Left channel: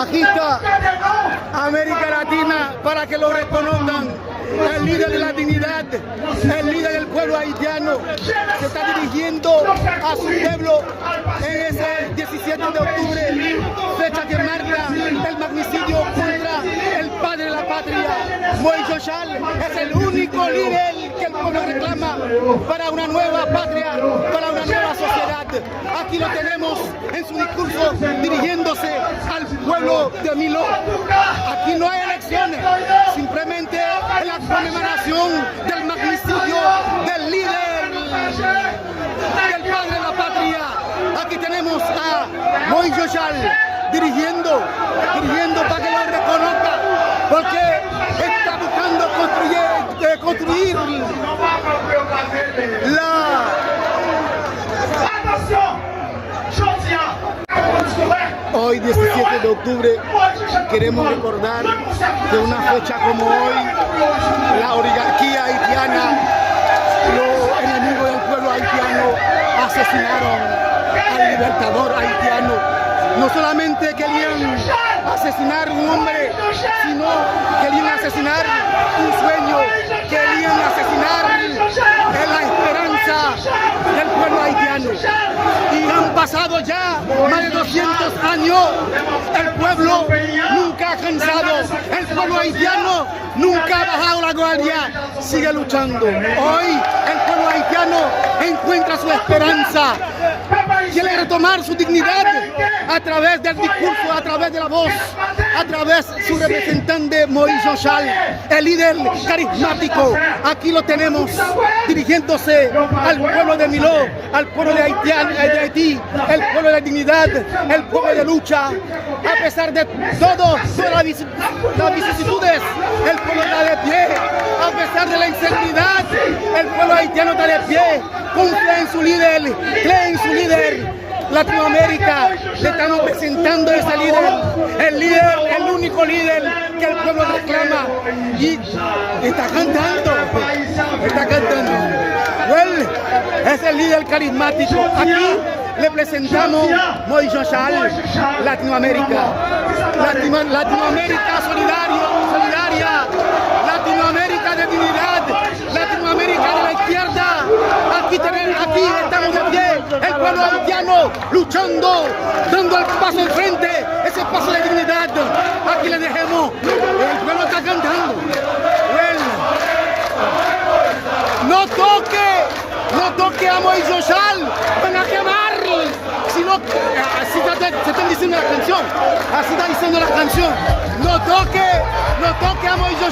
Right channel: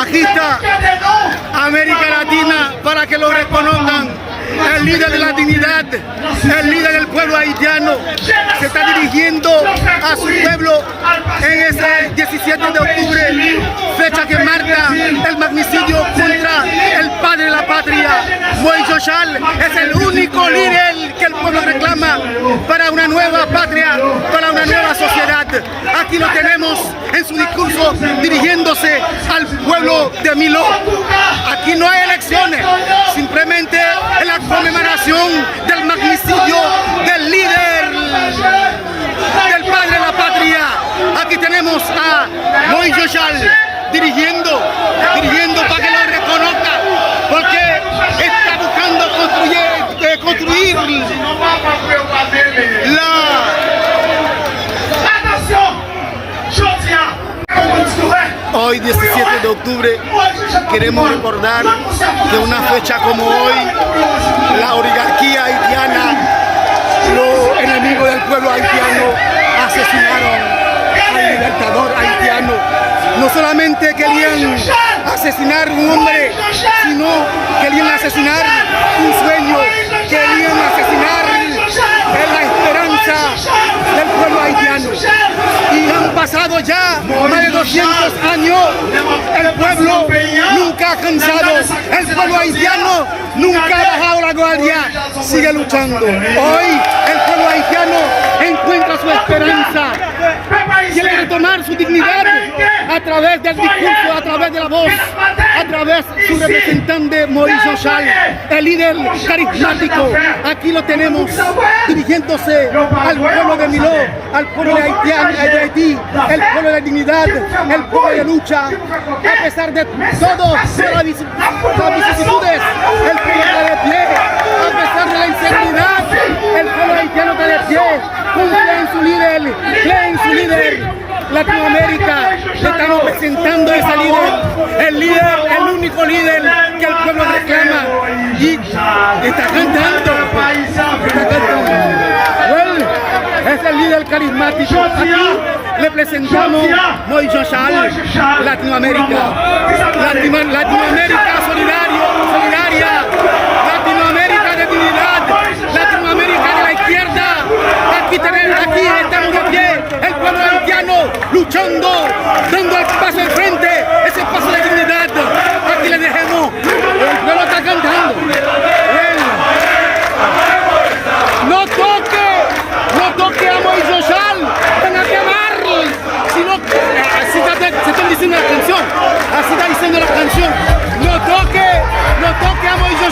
Aquí está América Latina para que lo reconozcan. El líder de la dignidad, el líder del pueblo haitiano, se está dirigiendo a su pueblo en ese 17 de octubre, fecha que marca el magnicidio contra el padre de la patria. Moïse Jochal es el único líder que el pueblo reclama para una nueva patria, para una nueva sociedad. Aquí lo tenemos en su discurso dirigiéndose al pueblo de Miló. Aquí no hay elecciones, simplemente en la conmemoración del magnicidio del líder del padre de la patria. Aquí tenemos a Moïse Jochal dirigiendo para que lo reconozca, porque está buscando construir Hoy, 17 de octubre, queremos recordar que una fecha como hoy, la oligarquía haitiana, los enemigos del pueblo haitiano, asesinaron al libertador haitiano. No solamente querían asesinar un hombre, sino querían asesinar un sueño, querían asesinar la esperanza del pueblo haitiano. Y han pasado ya más de 200 años, el pueblo nunca ha cansado, el pueblo haitiano nunca ha bajado la guardia, sigue luchando. Hoy el pueblo haitiano encuentra su esperanza, quiere retomar su dignidad a través del discurso, a través de la voz, a través de su representante Moïse Jochal, el líder carismático. Aquí lo tenemos dirigiéndose al pueblo de Miló, al pueblo de Haití, el pueblo de dignidad, el pueblo de lucha. A pesar de todo, las vicisitudes, el pueblo está de pie. A pesar de la inseguridad, el pueblo haitiano está de pie. Confía en su líder, cree en su líder. Latinoamérica, le estamos presentando a ese líder, el único líder que el pueblo reclama, y está cantando. Bueno, es el líder carismático. Aquí le presentamos Moïse Jochal, Latinoamérica, Latinoamérica solidaria, Latinoamérica de dignidad, Latinoamérica de la izquierda. Aquí estamos de pie, el pueblo haitiano luchando, dando el paso al frente, ese paso de dignidad. Aquí le dejemos, el pueblo está cantando. No toque a Moïse Jochal, van a quemarle. Así está diciendo la canción, así está diciendo la canción. No toque a Moïse